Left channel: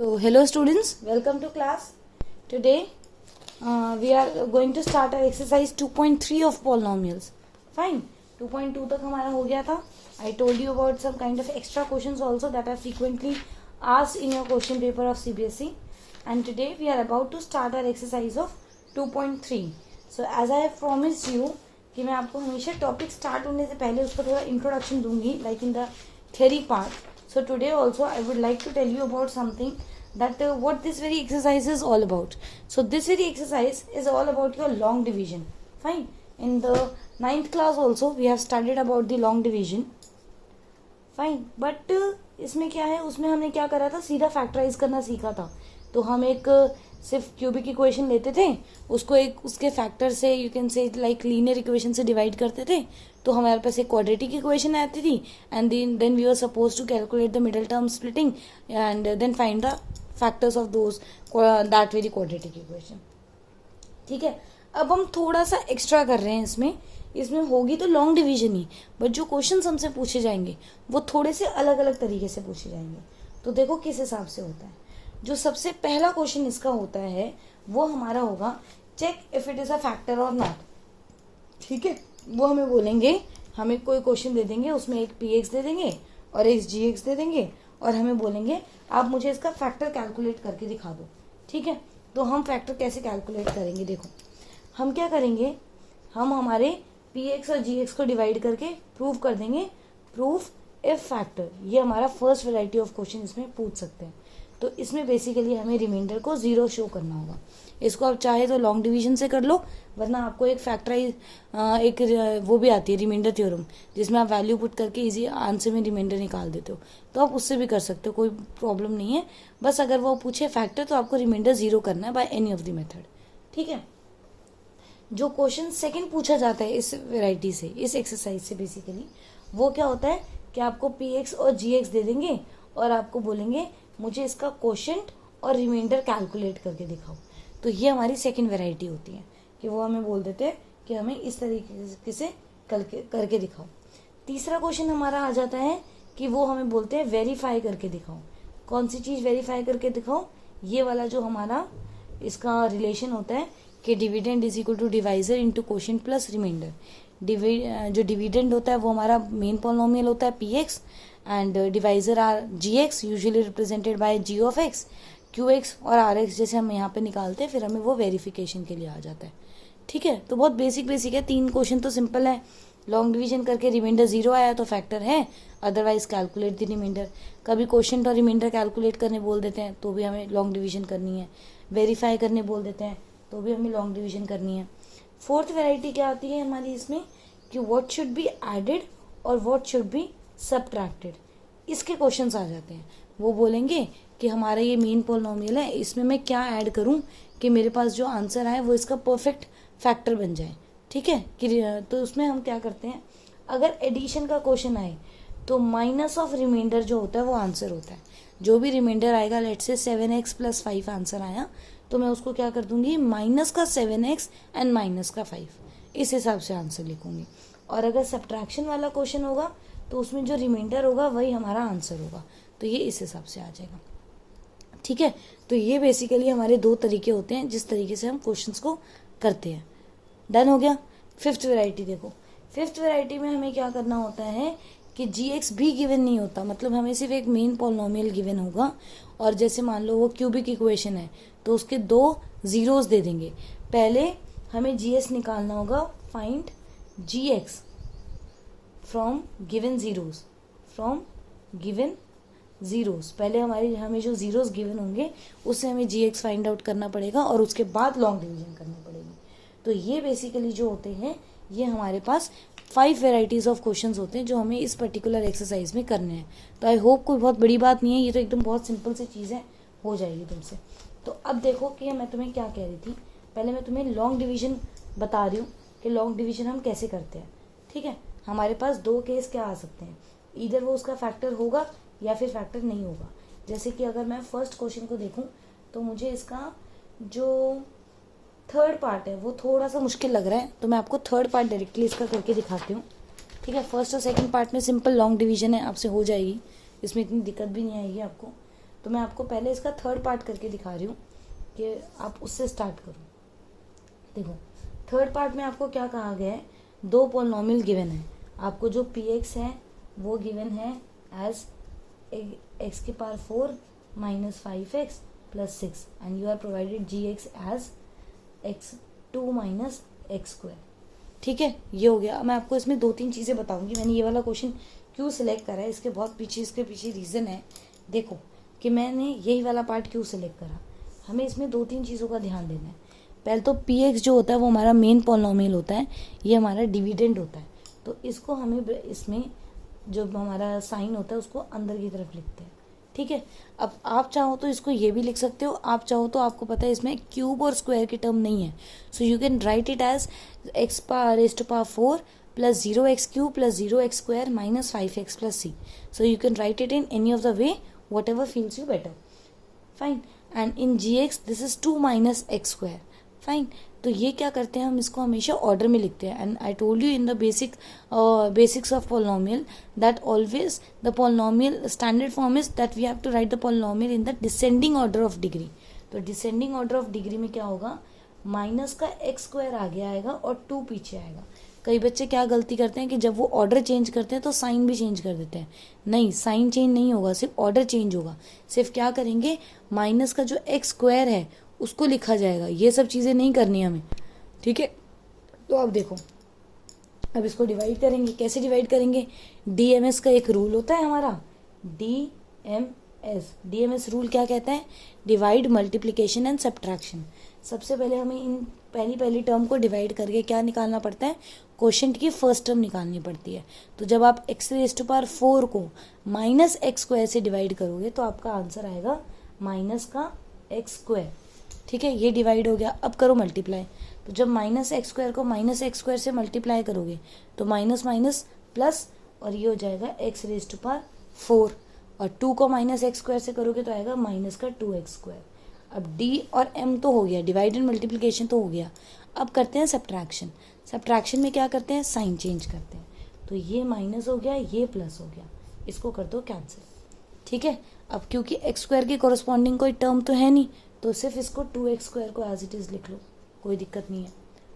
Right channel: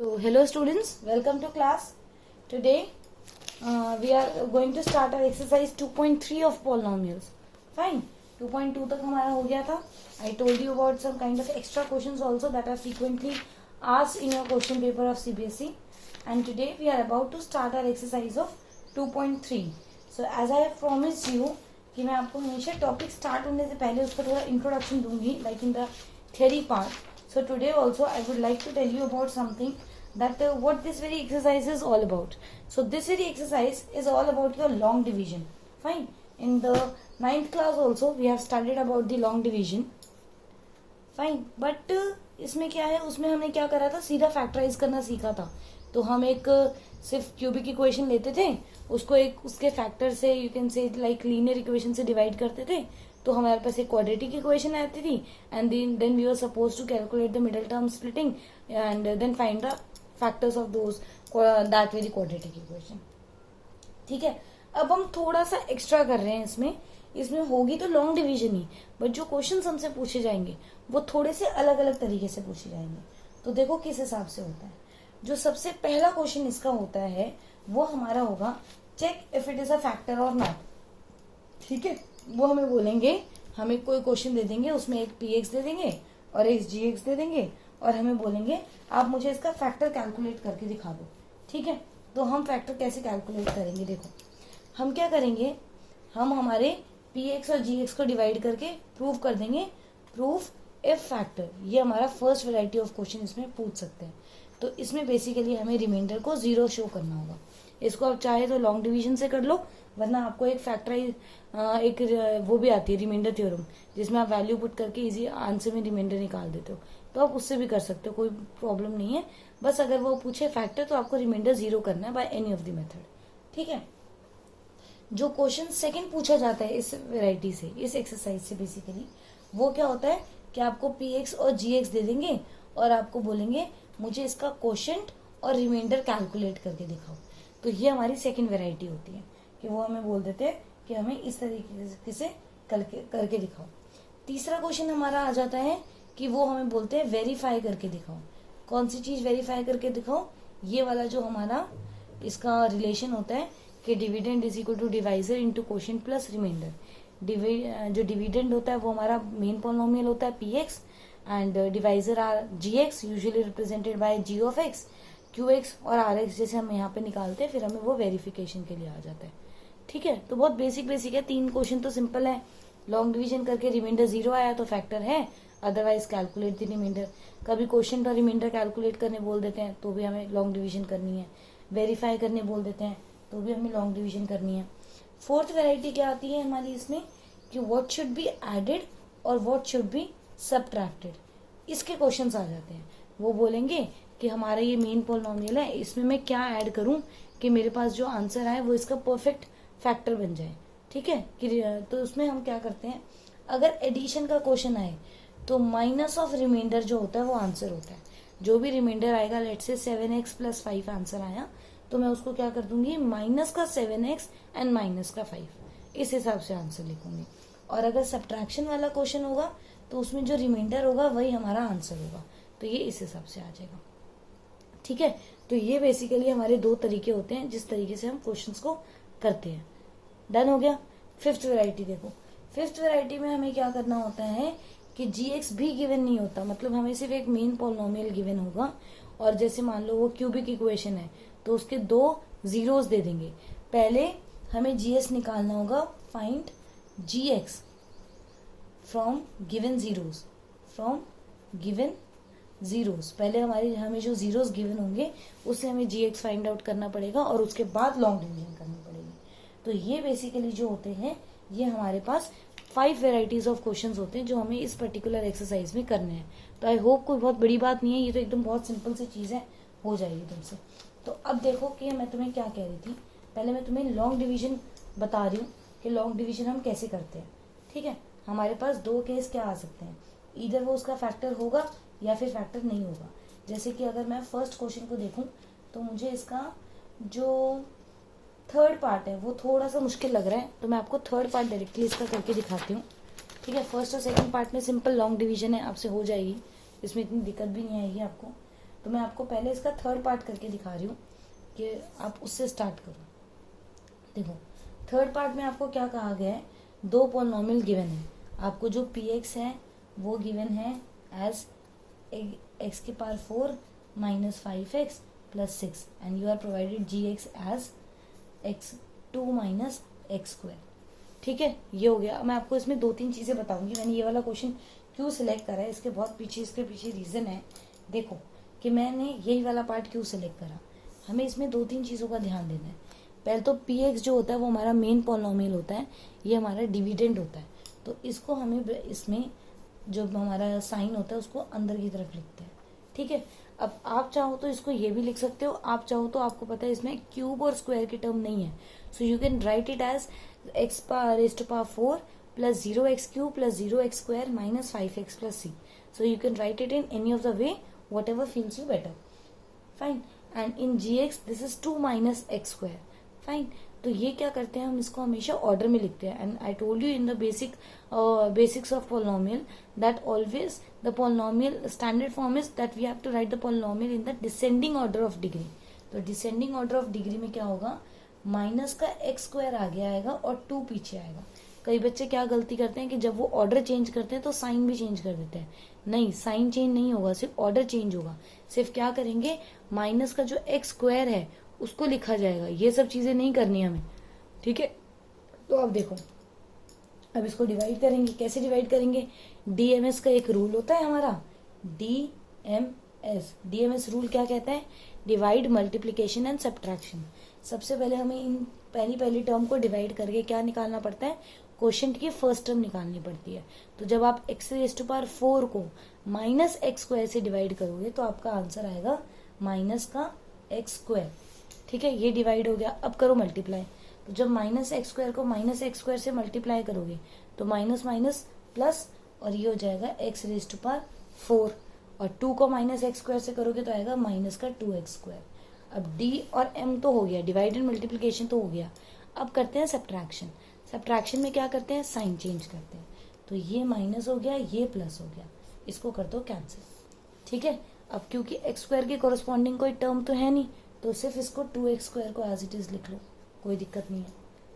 So, hello students, welcome to class. Today we are going to start our exercise 2.3 of polynomials. Fine, 2.2 तक हमारा हो गया था. I told you about some kind of extra questions also that are frequently asked in your question paper of CBSE. And today we are about to start our exercise of 2.3. So as I have promised you कि मैं आपको हमेशा topic start होने से पहले उसका थोड़ा introduction दूंगी, like in the theory part. So today also I would like to tell you about something that what this very exercise is all about. So this very exercise is all about your long division. Fine. In the 9th class also we have studied about the long division. Fine. But इसमें क्या है, उसमें हमने क्या करा था, सीधा factorise करना सीखा था. तो हम एक सिर्फ क्यूबिक इक्वेशन लेते थे, उसको एक उसके फैक्टर से you can say like linear equation से डिवाइड करते थे, तो हमारे पास एक क्वाड्रेटिक इक्वेशन आती थी. And then we were supposed to calculate the middle term splitting and then find the factors of those that very quadratic equation. ठीक है. अब हम थोड़ा सा एक्स्ट्रा कर रहे हैं इसमें होगी तो लॉन्ग डिवीजन ही, बट जो क्वेश्चन हमसे पूछे जाएंगे वो थोड़े से अलग अलग तरीके से पूछे जाएंगे. तो देखो किस हिसाब से होता है. जो सबसे पहला क्वेश्चन इसका होता है वो हमारा होगा check if it is a factor और नॉट. ठीक है. वो हमें बोलेंगे, हमें कोई क्वेश्चन दे देंगे, उसमें एक px दे देंगे और एक gx दे देंगे और हमें बोलेंगे आप मुझे इसका फैक्टर कैलकुलेट करके दिखा दो. ठीक है. तो हम फैक्टर कैसे कैलकुलेट करेंगे, देखो हम क्या करेंगे, हम हमारे px और gx को डिवाइड करके प्रूव कर देंगे. प्रूफ इफ फैक्टर, ये हमारा फर्स्ट वैरायटी ऑफ क्वेश्चन इसमें पूछ सकते हैं. तो इसमें बेसिकली हमें रिमाइंडर को 0 शो करना होगा. इसको आप चाहे तो लॉन्ग डिवीजन से कर लो, वरना आपको एक फैक्टराइज एक वो भी आती है रिमाइंडर थ्योरम, जिसमें आप वैल्यू पुट करके इजी आंसर में रिमाइंडर निकाल देते हो. तो आप उससे भी कर सकते हो, कोई प्रॉब्लम नहीं है. बस अगर वो पूछे फैक्टर तो आपको रिमाइंडर 0 करना है by any of the method. ठीक है. जो क्वेश्चन सेकंड पूछा जाता है इस वेराइटी से, इस एक्सरसाइज से बेसिकली, वो क्या होता है कि आपको px और gx दे देंगे और आपको बोलेंगे मुझे इसका क्वोशिएंट और रिमाइंडर कैलकुलेट करके दिखाओ. तो ये हमारी सेकंड वैरायटी होती है कि वो हमें बोल देते हैं कि हमें इस तरीके से करके दिखाओ. तीसरा क्वेश्चन हमारा आ जाता है कि वो हमें बोलते हैं वेरीफाई करके दिखाओ. कौन सी चीज वेरीफाई करके दिखाओ, ये वाला जो हमारा इसका रिलेशन होता है कि dividend is equal to divisor into quotient plus remainder. जो डिविडेंड होता है वो हमारा मेन पॉलिनोमियल होता है px and divisor are gx, usually represented by g of x. qx और rx जैसे हम यहाँ पे निकालते हैं, फिर हमें वो वेरिफिकेशन के लिए आ जाता है. ठीक है. तो बहुत बेसिक है. 3 क्वेश्चन तो सिंपल है. लॉन्ग डिवीजन करके रिमाइंडर 0 आया तो फैक्टर है, अदरवाइज कैलकुलेट द रिमाइंडर. कभी क्वेश्चन और रिमाइंडर कैलकुलेट करने बोल देते हैं तो भी हमें लॉन्ग डिवीजन करनी है. वेरीफाई करने बोल देते हैं तो भी हमें लॉन्ग डिवीजन करनी है. फोर्थ वेराइटी क्या आती है हमारी इसमें कि व्हाट शुड बी एडेड और व्हाट शुड बी सब्ट्रैक्टेड. इसके क्वेश्चंस आ जाते हैं. वो बोलेंगे कि हमारा ये मेन पॉलिनोमियल है, इसमें मैं क्या ऐड करूं कि मेरे पास जो आंसर आए वो इसका परफेक्ट फैक्टर बन जाए. ठीक है. तो उसमें हम क्या करते हैं, अगर एडिशन का क्वेश्चन आए तो माइनस ऑफ रिमाइंडर जो होता है वो आंसर होता है. जो भी रिमाइंडर आएगा, लेट से 7x + 5 आंसर आया, तो मैं उसको क्या कर दूंगी, माइनस का 7x एंड माइनस का 5, इस हिसाब से आंसर लिखूंगी. और अगर सब्ट्रैक्शन वाला क्वेश्चन होगा तो उसमें जो रिमाइंडर होगा वही हमारा आंसर होगा. तो ये इस हिसाब से आ जाएगा. ठीक है. तो ये बेसिकली हमारे 2 तरीके होते हैं जिस तरीके से हम क्वेश्चंस को करते हैं. डन हो गया. फिफ्थ वैरायटी देखो. फिफ्थ वैरायटी में हमें क्या करना होता है कि gx भी गिवन नहीं होता, मतलब हमें सिर्फ एक मेन पॉलिनोमियल गिवन होगा. और जैसे मान लो वो क्यूबिक इक्वेशन है तो उसके 2 जीरोस दे देंगे. पहले हमें gs निकालना होगा. Find gx from given zeros. पहले हमें जो जीरोस गिवन होंगे उससे हमें gx फाइंड आउट करना पड़ेगा और उसके बाद लॉन्ग डिवीजन करनी पड़ेगी. तो ये बेसिकली जो होते हैं, ये हमारे पास 5 वेराइटीज ऑफ क्वेश्चंस होते हैं जो हमें इस पर्टिकुलर एक्सरसाइज में करने हैं. तो आई होप कोई बहुत बड़ी बात नहीं है, ये तो एकदम बहुत सिंपल सी चीज है, हो जाएगी तुमसे. तो अब देखो कि मैं तुम्हें क्या कह रही थी. पहले मैं तुम्हें लॉन्ग डिवीजन बता रही हूँ कि लॉन्ग डिवीजन हम कैसे करते हैं. ठीक है. हमारे पास 2 केस क्या आ सकते हैं, इधर वो उसका फैक्टर होगा या फिर फैक्टर नहीं होगा. जैसे कि अगर मैं फर्स्ट क्वेश्चन को देखूं तो मुझे इसका जो थर्ड पार्ट है वो थोड़ा सा मुश्किल लग रहा है, तो मैं आपको थर्ड पार्ट डायरेक्टली इसका करके दिखाती हूँ. ठीक है. फर्स्ट और सेकंड पार्ट में सिंपल लॉन्ग डिवीजन है, आपसे हो जाएगी, इसमें इतनी दिक्कत भी नहीं आएगी आपको. तो मैं आपको पहले इसका थर्ड पार्ट करके दिखा रही हूँ कि आप उससे स्टार्ट करो। देखो थर्ड पार्ट में आपको क्या कहा गया है, दो पॉलिनोमियल गिवन है आपको। जो पी एक्स है वो गिवन है एज एक्स की power 4 minus 5x plus 6 and you are provided g x as x2 minus x square. ठीक है, ये हो गया। मैं आपको इसमें 2-3 चीजें बताऊंगी। मैंने ये वाला क्वेश्चन क्यों सिलेक्ट करा है, इसके पीछे रीजन है। देखो कि मैंने यही वाला पार्ट क्यों सिलेक्ट करा, हमें इसमें 2-3 चीजों का ध्यान देना है। पहले तो पी एक्स जो होता है वो हमारा मेन पॉलिनोमियल होता है, ये हमारा डिविडेंड होता है, तो इसको हमें इसमें जो हमारा साइन होता है उसको अंदर की तरफ लिखते हैं। ठीक है, अब आप चाहो तो इसको ये भी लिख सकते हो, आप चाहो तो आपको पता है इसमें क्यूब और स्क्वायर की टर्म नहीं है, so you can write it as x raise to power 4 plus 0x cube plus 0x square minus 5x plus c. So you can write it in any of the way, whatever feels you better. Fine. And in gx this is 2 minus x square. Fine. तो ये क्या करते हैं, हम इसको हमेशा order में लिखते हैं। And I told you in the basics of polynomial that always the polynomial standard form is that we have to write the polynomial in the descending order of degree. तो डिसेंडिंग ऑर्डर ऑफ डिग्री में क्या होगा, minus का x square आगे आएगा और 2 पीछे आएगा। कई बच्चे क्या गलती करते हैं कि जब वो ऑर्डर चेंज करते हैं तो साइन भी चेंज कर देते हैं। नहीं, साइन चेंज नहीं होगा, सिर्फ ऑर्डर चेंज होगा। सिर्फ क्या करेंगे, माइनस का जो एक्स स्क्वायर है उसको लिखा जाएगा। ये सब चीजें नहीं करनी हमें। ठीक है, तो अब देखो, अब इसको डिवाइड करेंगे। कैसे डिवाइड करेंगे, डीएमएस का एक रूल होता है हमारा, डीएमएस रूल क्या कहता है, डिवाइड मल्टीप्लीकेशन एंड सब्ट्रैक्शन। सबसे पहले हमें इन पहली टर्म को डिवाइड करके क्या निकालना पड़ता है, क्वोशिएंट की फर्स्ट टर्म निकालनी पड़ती है। तो जब आप एक्स रेज़ टू पावर 4 को माइनस एक्स स्क्वायर से डिवाइड करोगे तो आपका आंसर आएगा माइनस का एक्स स्क्वायर। ठीक है, ये डिवाइड हो गया। अब करो मल्टीप्लाई। तो जब माइनस एक्स स्क्वायर को माइनस एक्स स्क्वायर से मल्टीप्लाई करोगे तो माइनस माइनस प्लस, और ये हो जाएगा एक्स रेज़ टू पावर 4, और 2 को माइनस एक्स स्क्वायर से करोगे तो आएगा माइनस का 2x स्क्वायर। अब d और m तो हो गया, डिवाइड एंड मल्टीप्लिकेशन तो हो गया। अब करते हैं सब्ट्रैक्शन। सब्ट्रैक्शन में क्या करते हैं, साइन चेंज करते हैं। तो ये माइनस हो गया, ये प्लस हो गया, इसको कर दो कैंसिल। ठीक है, अब क्योंकि एक्स स्क्वायर की कोरस्पॉन्डिंग कोई टर्म तो है नहीं, तो सिर्फ इसको 2x स्क्वायर को एज इट इज लिख लो, कोई दिक्कत नहीं है।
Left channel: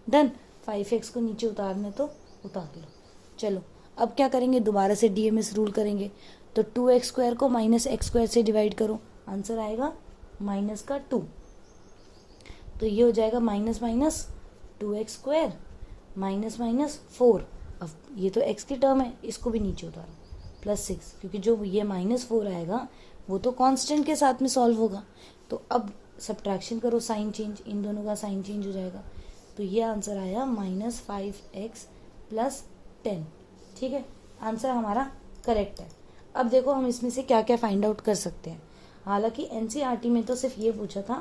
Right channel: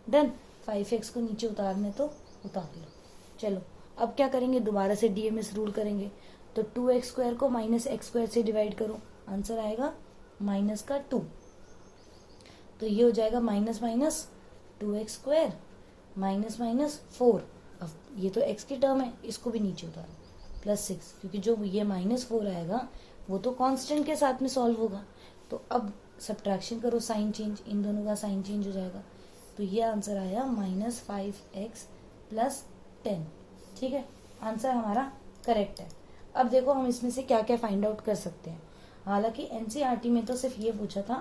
डन। 5x को नीचे उतारने तो उतार लो। चलो अब क्या करेंगे, दोबारा से डीएमएस रूल करेंगे। तो 2x स्क्वायर को माइनस एक्स स्क्वायर से डिवाइड करो, आंसर आएगा माइनस का 2। तो ये हो जाएगा minus minus 2x square minus minus 4। अब ये तो x की टर्म है, इसको भी नीचे उतारो, प्लस 6, क्योंकि जो ये माइनस 4 आएगा वो तो कांस्टेंट के साथ में सॉल्व होगा। तो अब सब्ट्रैक्शन करो, साइन चेंज, इन दोनों का साइन चेंज हो जाएगा। तो ये आंसर आया माइनस 5x प्लस 10। ठीक है, आंसर हमारा करेक्ट है। अब देखो हम इसमें से क्या क्या फाइंड आउट कर सकते हैं। हालांकि एनसीईआरटी में तो सिर्फ ये पूछा था,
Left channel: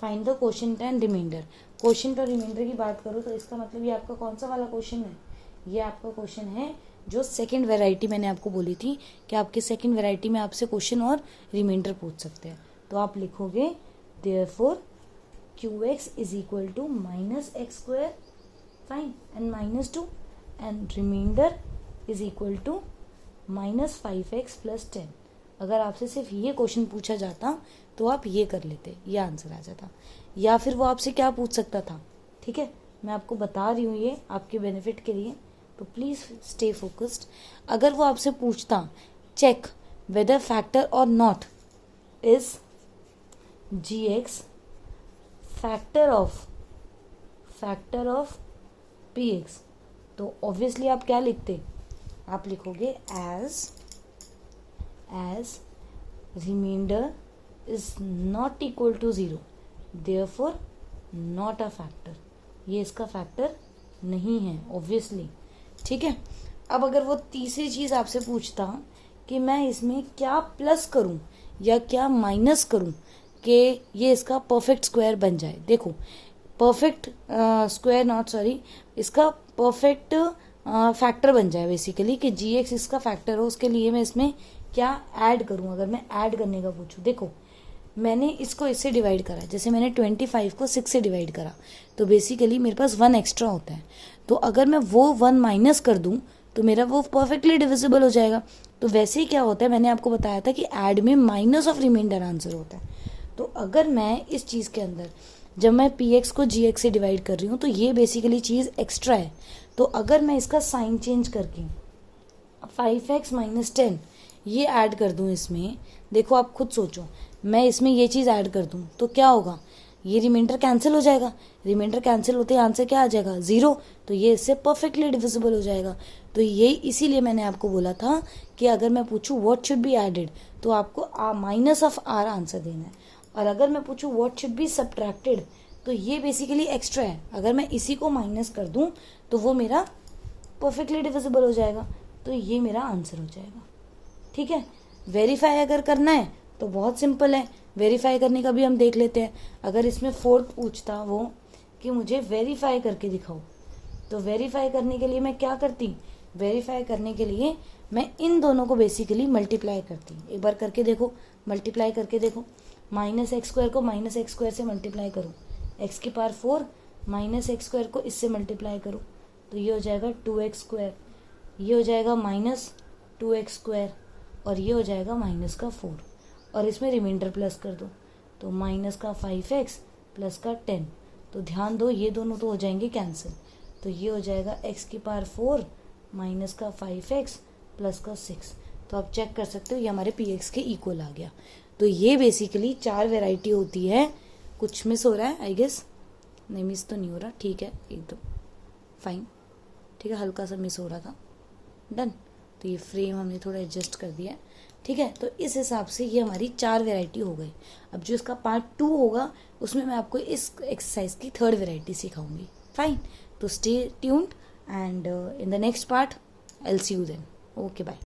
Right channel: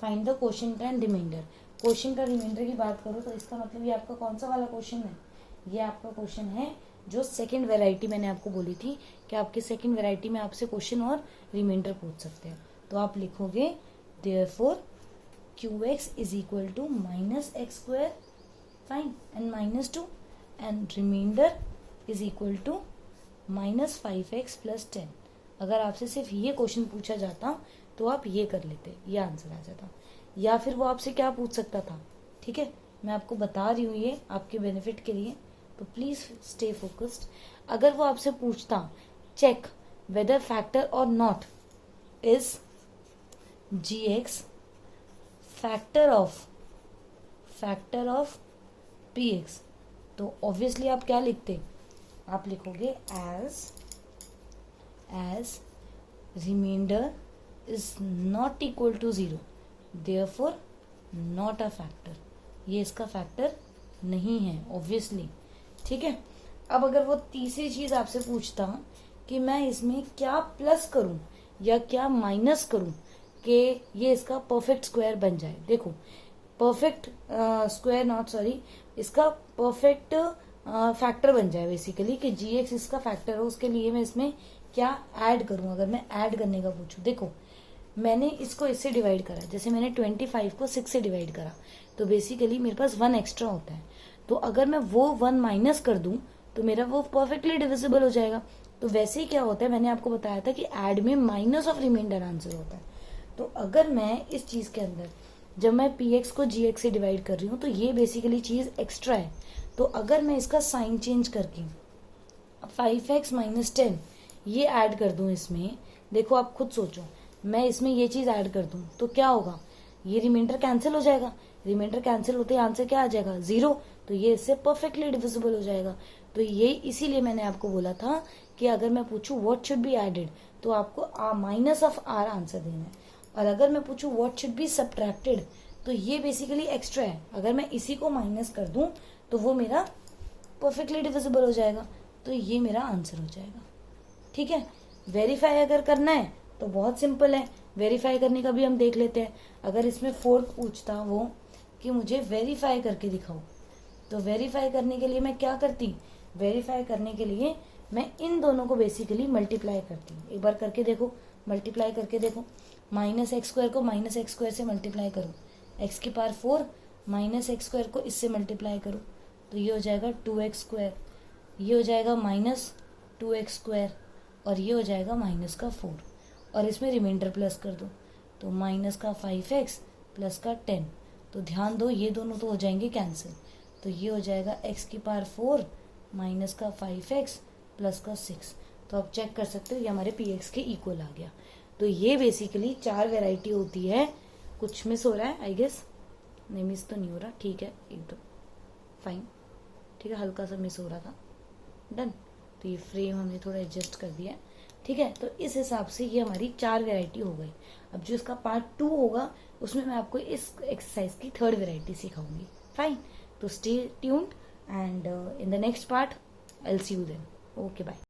find the quotient and remainder. Quotient और रिमाइंडर की बात करो तो इसका मतलब ये आपका कौन सा वाला क्वेश्चन है, ये आपका क्वेश्चन है जो सेकंड वैरायटी मैंने आपको बोली थी कि आपके सेकंड वैरायटी में आपसे क्वेश्चन और रिमाइंडर पूछ सकते हैं। तो आप लिखोगे therefore qx is equal to minus x square, fine, and minus 2, and remainder is equal to minus 5x plus 10। अगर आपसे सिर्फ ये क्वेश्चन पूछा जाता तो आप ये कर लेते, ये आंसर आ जाता। या फिर वो आपसे क्या पूछ सकता था, ठीक है, मैं आपको बता रही हूँ ये आपके बेनिफिट के लिए, तो प्लीज स्टे फोकस्ड। अगर वो आपसे पूछता चेक वेदर फैक्टर और not is gx factor of px, तो ऑब्वियसली आप क्या लिखते, आप लिखोगे as remainder is not equal to 0, therefore not a factor. ये इसका फैक्टर नहीं है ऑब्वियसली। ठीक है, अब अगर वो तीसरी चीज आपसे पूछता कि मैं इसमें क्या प्लस करूं या क्या माइनस करूं कि ये इसका परफेक्ट स्क्वायर बन जाए। देखो परफेक्ट स्क्वायर नॉट सॉरी, इसका परफेक्ट फैक्टर बन जाए बेसिकली, कि gx इसका फैक्टर हो, उसके लिए मैं इसमें क्या ऐड करूं। अगर मैं ऐड करने का पूछूं, देखो मैंने इसको इससे डिवाइड करा, जैसे मैंने 25 को 6 से डिवाइड करा, तो बेसिकली मेरे पास 1 एक्स्ट्रा होता है। तो अगर मैं वो 1 माइनस कर दूं तो मेरा वो परफेक्टली डिविजिबल हो जाएगा। तो वैसे ही क्या होता है, मैंने आपको बताया था कि ऐड में माइनस ऑफ रिमाइंडर आंसर होता है। तो अगर मैं इस चीज के अंदर जब मैं पी एक्स को जी एक्स से डिवाइड कर रही हूँ तो ये बेसिकली चीज एक्स्ट्रा है। तो अगर मैं इसका साइन चेंज करके 5x माइनस 10 ये ऐड कर दूं इसमें, देखो आप खुद सोचो, मैं इसमें ये चीज ऐड कर दूं तो क्या होगा, ये रिमाइंडर कैंसिल हो जाएगा। रिमाइंडर कैंसिल होते ही आंसर क्या आ जाएगा, 0। तो ये इससे परफेक्टली डिविजिबल हो जाएगा। तो ये इसीलिए मैंने आपको बोला था कि अगर मैं पूछूं व्हाट शुड बी एडेड तो आपको माइनस ऑफ आर आंसर देना है, और अगर मैं पूछूं व्हाट शुड बी सब्ट्रैक्टेड तो ये बेसिकली एक्स्ट्रा है। अगर मैं इसी को माइनस कर दूं तो वो मेरा परफेक्टली डिविजिबल हो जाएगा। तो ये मेरा आंसर हो जाएगा। ठीक है। वेरीफाई अगर करना है तो बहुत सिंपल है, वेरीफाई करने का भी हम देख लेते हैं। अगर इसमें फोर्थ पूछता वो कि मुझे वेरीफाई करके दिखाओ, तो वेरीफाई करने के लिए मैं क्या करती, वेरीफाई करने के लिए मैं इन दोनों को बेसिकली मल्टीप्लाई करती। एक बार करके देखो, मल्टीप्लाई करके देखो। माइनस एक्स स्क्वायर को माइनस एक्स स्क्वायर से मल्टीप्लाई करो, एक्स की पावर 4 माइनस एक्स स्क्वायर को इससे मल्टीप्लाई करो तो ये हो जाएगा 2x स्क्वायर, ये हो जाएगा माइनस 2x स्क्वायर, और ये हो जाएगा माइनस का 4, और इसमें रिमाइंडर प्लस कर दो तो माइनस का 5x प्लस का 10। तो ध्यान दो ये दोनों तो हो जाएंगे कैंसिल, तो ये हो जाएगा x की पावर 4 माइनस का 5x प्लस का 6। तो आप चेक कर सकते हो ये हमारे px के इक्वल आ गया। तो ये बेसिकली 4 वेराइटी होती है। कुछ मिस हो रहा है आई गेस, नहीं मिस तो नहीं हो रहा, ठीक है, एकदम फाइन, ठीक है, हल्का सा मिस हो रहा था, डन। तो ये फ्रेम हमने थोड़ा एडजस्ट कर दिया, ठीक है। तो इस हिसाब से ये हमारी 4 वेराइटी हो गई। अब जो इसका पार्ट 2 होगा उसमें मैं आपको इस एक्सरसाइज की 3rd वेराइटी सिखाऊंगी, फाइन। तो stay tuned and in the next part I will see you then, okay bye.